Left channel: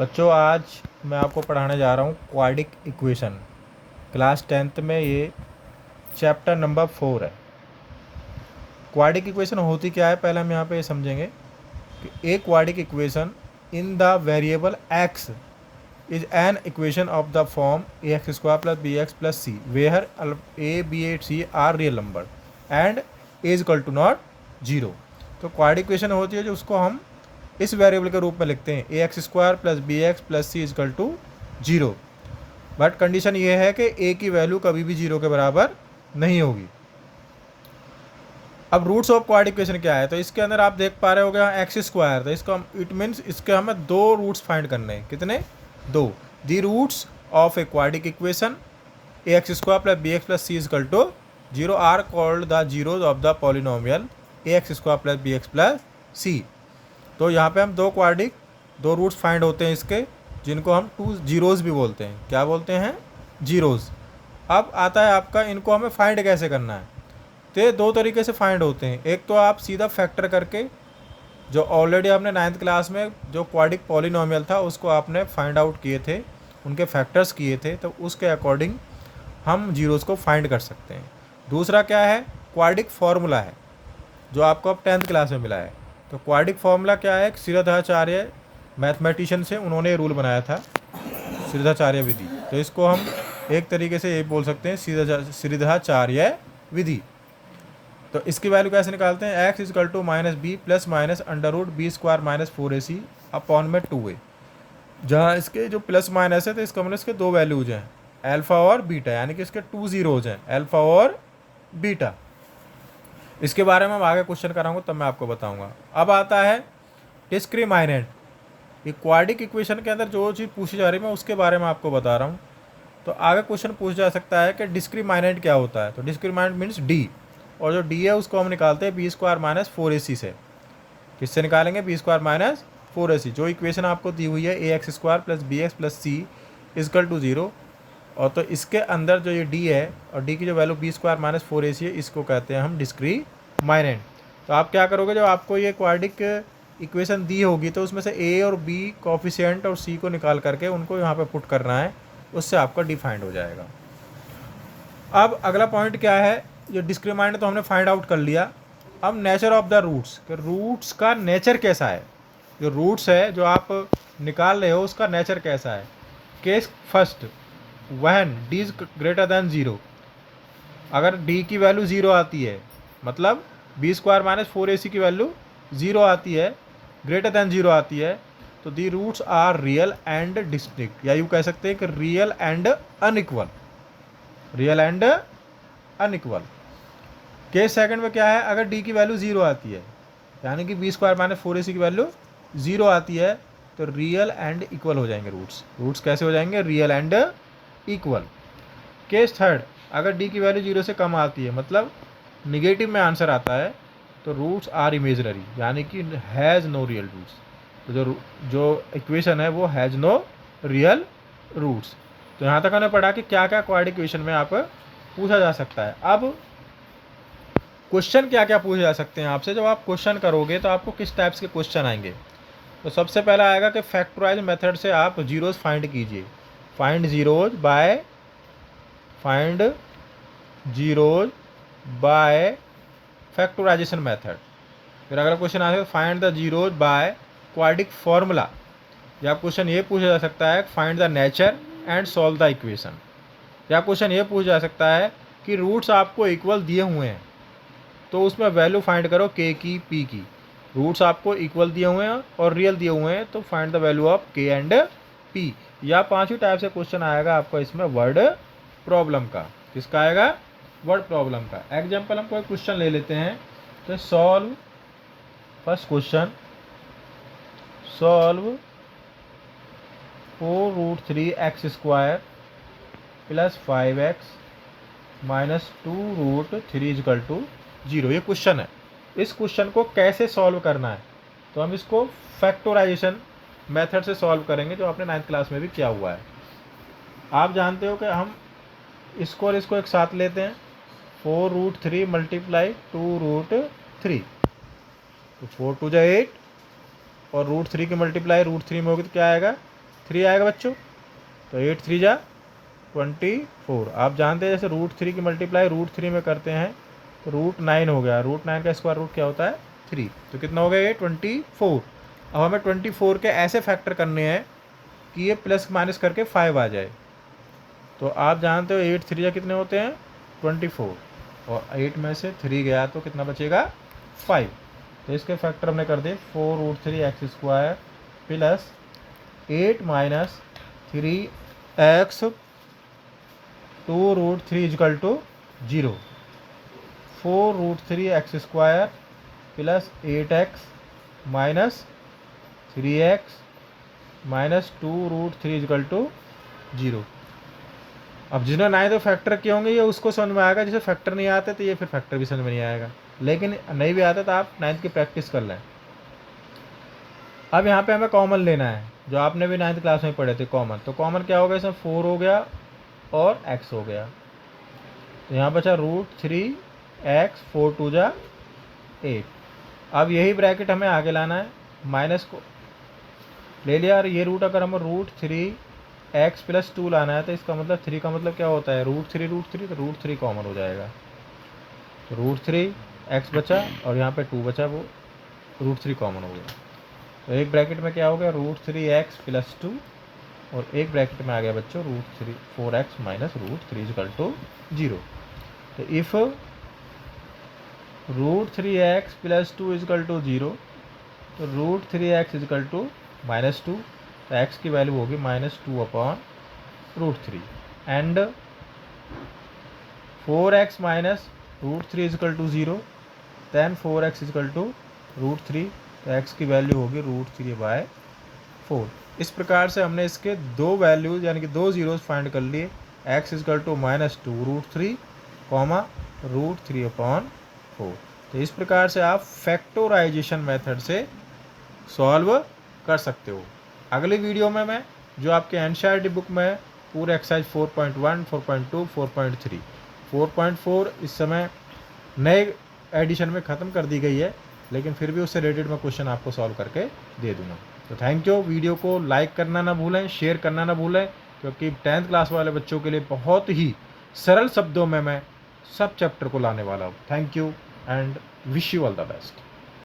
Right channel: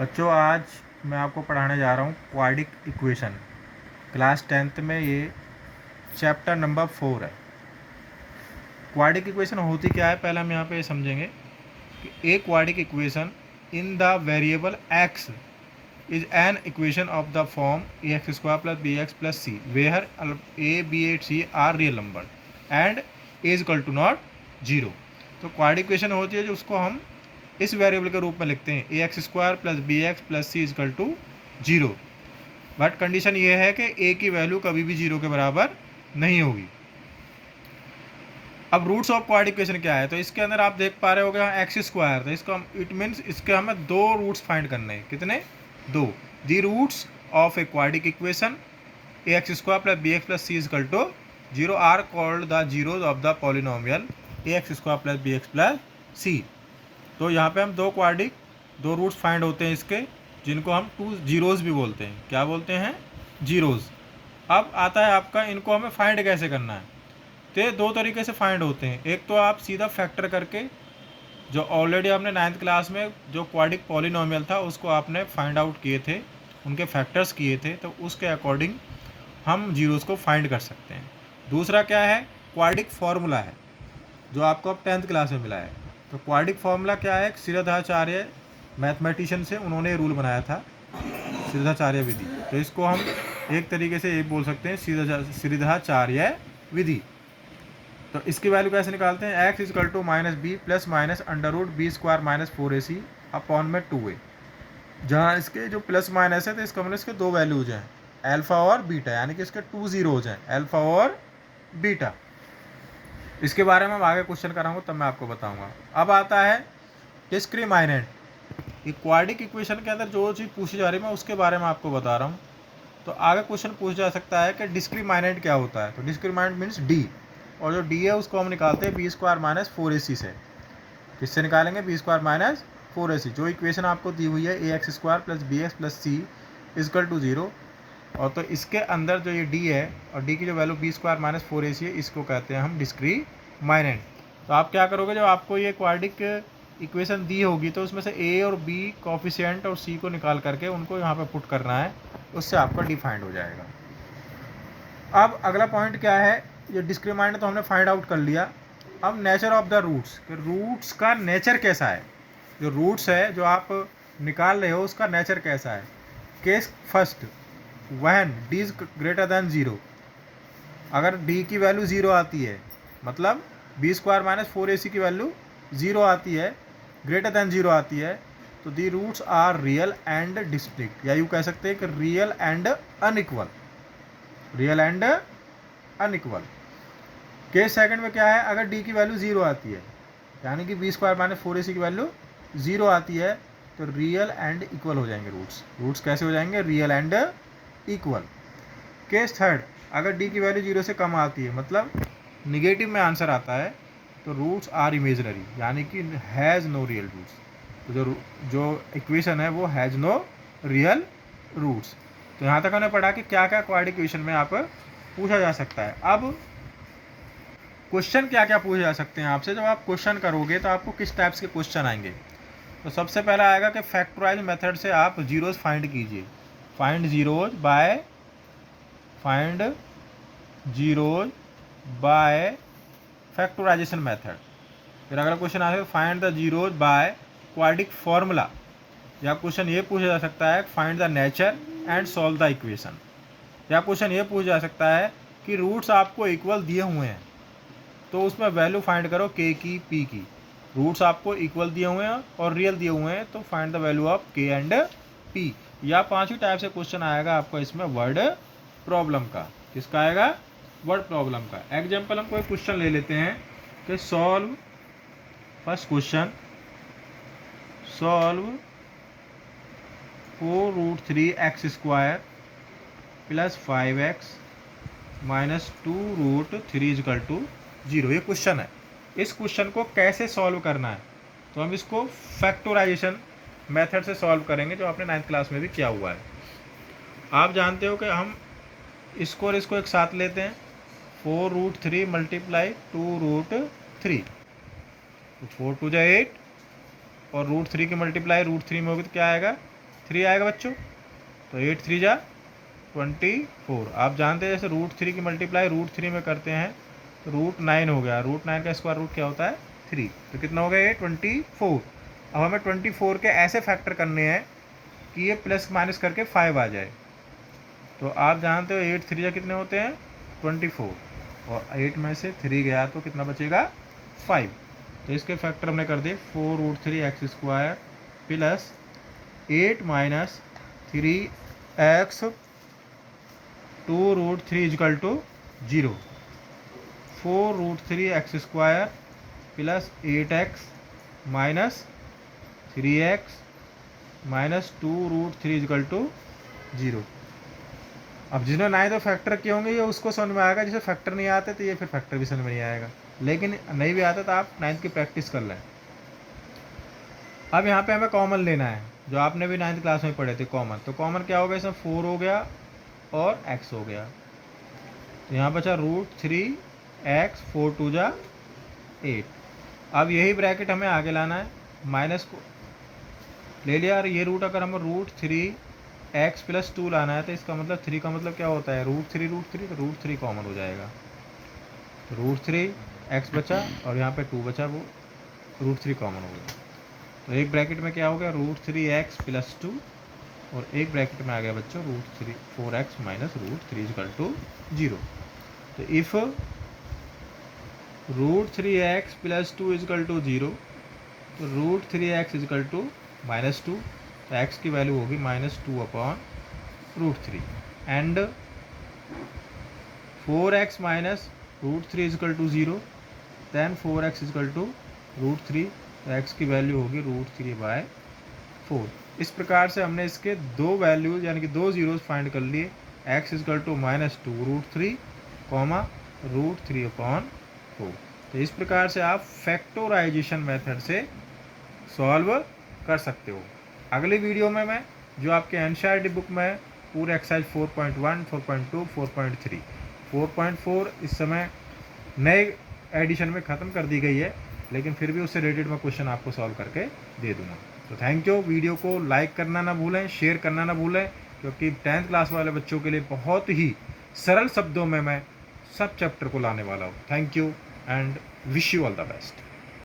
बच्चों आज मैं आपको पढ़ाने जा रहा हूँ क्वाड्रिक इक्वेशन। क्लास 10th में ये चैप्टर नंबर 4 है। क्वाड्रिक इक्वेशन होती क्या है, पहले हम यहाँ पे समझेंगे कि a quadratic equation in the variable x is an equation of the form a x square plus b x plus c where a b and c are real number and a is equal to not zero. तो quadratic equation होती है जो उसको हम इस variable के रूप में लिखते हैं a x square plus b x plus c is equal to zero. But condition ये है कि ए की वैल्यू कभी भी जीरो के बराबर नहीं होगी। अब रूट्स ऑफ क्वाड्रिक इक्वेशन क्या है, तो इसके अंदर आप देख पा रहे हो गया एक्स स्क्वायर, तो इसका इट मीन्स इसके हमें दो रूट्स फाइंड करने हैं। कितने? दो। The roots of a quadratic equation a x square plus b x plus c is equal to zero are called the zeros of the polynomial a x square plus b x plus c. तो यहाँ पे हम दो roots find होते हैं इसके, जिनको हम टू जीरोज़ भी बोलते हैं। क्या बोलते हैं? जीरोज़। अब आता है आपका इनको हमें फाइंड कैसे करना है। तो ये दो तरीके से फाइंड होते हैं। एक तो आप सीधा फैक्टर करके, जो ऑलरेडी आपने 9th क्लास में जो क्वाड्रिक पॉलिनोमियल था उसको आपने फाइंड आउट किए थे, उनके फैक्टर्स किए थे, तो उसके अकॉर्डिंग हम जीरोज़ को फाइंड कर सकते हैं। दूसरा क्या है? क्वाड्रिक फार्मूला है जो आपको अब 10th क्लास में मिला है। तो क्वाड्रिक फार्मूला क्या है? श्रीधराचार्य मैथमेटिशियन से उन्होंने रूल बनाया था, श्रीधराचार्य विधि। तो इसको हम एक तरीके से ये बोल सकते हैं श्रीधराचार्य विधि। तो इसकी वैल्यू कैसे निकालते हैं? X equal to minus b plus minus under root b square minus 4ac upon में 2a। जहाँ इसके जो प्लस माइनस है तो इसका मतलब इसके दो वैल्यूज हैं, अल्फा और बीटा, यानी कि इसके 2 जीरोज हैं, अल्फा और बीटा। इसके बारे में हम आगे क्वेश्चन कराऊंगा तब मैं आपको बताऊंगा। अब आता है डिस्क्रिमिनेंट। ये क्वाड्रिक इक्वेशन के अंदर जो चीज़ पूछी जा रही है मैं उसके बारे में आपको बता रहा हूँ। तो आगे क्वेश्चन पूछा जा सकता है कि डिस्क्रिमिनेंट क्या होता है। तो डिस्क्रिमिनेंट मीन्स डी, और जो डी है उसको हम निकालते हैं बी स्क्वायर माइनस 4ac से। किससे निकालेंगे? B square minus 4ac। जो इक्वेशन आपको दी हुई है a x square plus b x plus c is equal to zero, और तो इसके अंदर जो ये डी है और डी की जो value B square minus 4ac है, इसको कहते हैं हम डिस्क्रिमिनेंट। तो आप क्या करोगे, जब आपको ये क्वाड्रिक इक्वेशन दी होगी तो उसमें से ए और बी कोफिशिएंट और सी को निकाल करके उनको यहाँ पे पुट करना है, उससे आपका डिफाइंड हो जाएगा। अब अगला पॉइंट क्या है? ये डिस्क्रिमिनेंट तो हमने फाइंड आउट कर लिया। अब नेचर ऑफ द रूट्स, कि रूट्स का नेचर कैसा है। जो रूट्स है जो आप निकाल रहे हो उसका नेचर कैसा है। Case first, when D is greater than zero. अगर डी की वैल्यू जीरो आती है, मतलब बी स्क्वायर माइनस 4ac की वैल्यू जीरो आती है, ग्रेटर दैन जीरो आती है, तो the roots are real and distinct, या यूँ कह सकते हैं कि real and unequal. Real and unequal. Case second में क्या है? अगर डी की वैल्यू जीरो आती है, यानी कि बी स्क्वायर माइनस 4ac की वैल्यू जीरो आती है, तो रियल एंड इक्वल हो जाएंगे रूट्स। रूट्स कैसे हो जाएंगे? Real and equal. Case third, अगर डी की वैल्यू जीरो से कम आती है, मतलब निगेटिव में आंसर आता है, तो रूट्स आर इमेजनरी, यानी कि हैज़ नो रियल रूट्स। तो जो इक्वेशन है वो हैज़ नो रियल रूट्स। तो यहाँ तक हमने पढ़ा कि क्या क्या क्वाड्रिक इक्वेशन में आप पूछा जा सकता है। अब क्वेश्चन क्या क्या पूछे जा सकते हैं आपसे। जब आप क्वेश्चन करोगे तो आपको किस टाइप्स के क्वेश्चन आएंगे। तो सबसे पहला आएगा कि फैक्टराइज मेथड से आप जीरोज फाइंड कीजिए। Find zeros by factorisation method. फिर अगला क्वेश्चन आएगा find the zeros by quadric formula. या क्वेश्चन ये पूछा जा सकता है find the nature and solve the equation. या क्वेश्चन ये पूछा जा सकता है कि रूट्स आपको इक्वल दिए हुए हैं तो उसमें वैल्यू फाइंड करो के की, पी की। रूट्स आपको इक्वल दिए हुए हैं और रियल दिए हुए हैं, तो फाइंड द वैल्यू ऑफ के एंड पी। या पांचवी टाइप से क्वेश्चन आएगा आपको इसमें वर्ड प्रॉब्लम का। किसका आएगा? वर्ड प्रॉब्लम का। एग्जाम्पल हम कोई क्वेश्चन ले लेते हैं कि solve, first question, solve 4√3x square plus 5x minus 2√3 equal to zero. ये क्वेश्चन है। इस क्वेश्चन को कैसे सॉल्व करना है, तो हम इसको फैक्टराइजेशन मेथड से सॉल्व करेंगे, जो आपने 9th क्लास में भी किया हुआ है। आप जानते हो कि हम इसको और इसको एक साथ लेते हैं, 4√3 मल्टीप्लाई 2√3, तो 4 2 जा 8, और √3 की मल्टीप्लाई √3 में होगी तो क्या आएगा? 3 आएगा बच्चों। तो 8 3 जा 24। आप जानते हैं जैसे रूट 3 की मल्टीप्लाई रूट 3 में करते हैं तो रूट 9 हो गया। रूट 9 का स्क्वायर रूट क्या होता है 3। तो कितना हो गया ये 24। अब हमें 24 के ऐसे फैक्टर करने हैं कि ये प्लस माइनस करके 5 आ जाए। तो आप जानते हो 8 3 जा कितने होते हैं 24, और 8 में से 3 गया तो कितना बचेगा 5। तो इसके फैक्टर हमने कर दिए 4 root 3 x square plus 8 minus 3 x 2 root 3 equal to 0। 4 root 3 x square plus 8 x minus 3 x minus 2 root 3 equal to 0। अब जिन्होंने नाइन्थ फैक्टर किए होंगे ये उसको समझ में आएगा, जिसे फैक्टर नहीं आते तो ये फिर फैक्टर भी समझ में नहीं आएगा, लेकिन नहीं भी आता तो आप नाइन्थ की प्रैक्टिस कर लें। अब यहाँ पे हमें कॉमन लेना है, जो आपने भी नाइन्थ क्लास में पढ़े थे कॉमन। तो कॉमन क्या हो गया, इसमें 4 हो गया और x हो गया। तो यहाँ बचा रूट 3 एक्स 4 2 जा 8। अब यही ब्रैकेट हमें आगे लाना है, माइनस ले लिया। और ये रूट अगर हमें रूट 3 एक्स प्लस 2 लाना है तो इसका मतलब 3 का मतलब क्या होता है रूट 3 तो रूट 3 कॉमन हो जाएगा। तो रूट 3 एक्स बचा और यहाँ पे 2 बचा, वो रूट 3 कॉमन हो गया। तो एक ब्रैकेट में क्या हो गया रूट 3 एक्स प्लस 2, और एक ब्रैकेट में आ गया बच्चों root 3 4 x minus root 3 equal to 0। तो if root 3 x plus 2 equal to 0, root 3 x equal to minus 2, तो एक्स की वैल्यू होगी -2 upon root 3। And 4x minus root 3 equal to 0, then 4x equal to root 3, तो x की value होगी root 3/4। इस प्रकार से हमने इसके दो वैल्यूज यानी कि दो जीरोस फाइंड कर लिए, x equal to -2 root 3 comma root 3/4। तो इस प्रकार से आप फैक्टोराइजेशन मेथड से सॉल्व कर सकते हो। अगली वीडियो में मैं जो आपके एनसीईआरटी बुक में पूरे एक्सरसाइज 4.1, 4.2, 4.3, 4.4 इस समय नए एडिशन में ख़त्म कर दी गई है, लेकिन फिर भी उससे रिलेटेड मैं क्वेश्चन आपको सॉल्व करके दे दूँगा। तो थैंक यू। वीडियो को लाइक करना ना भूलें, शेयर करना ना भूलें, क्योंकि 10th क्लास वाले बच्चों के लिए बहुत ही सरल शब्दों में मैं सब चैप्टर को लाने वाला हूँ। Thank you and wish you all the best.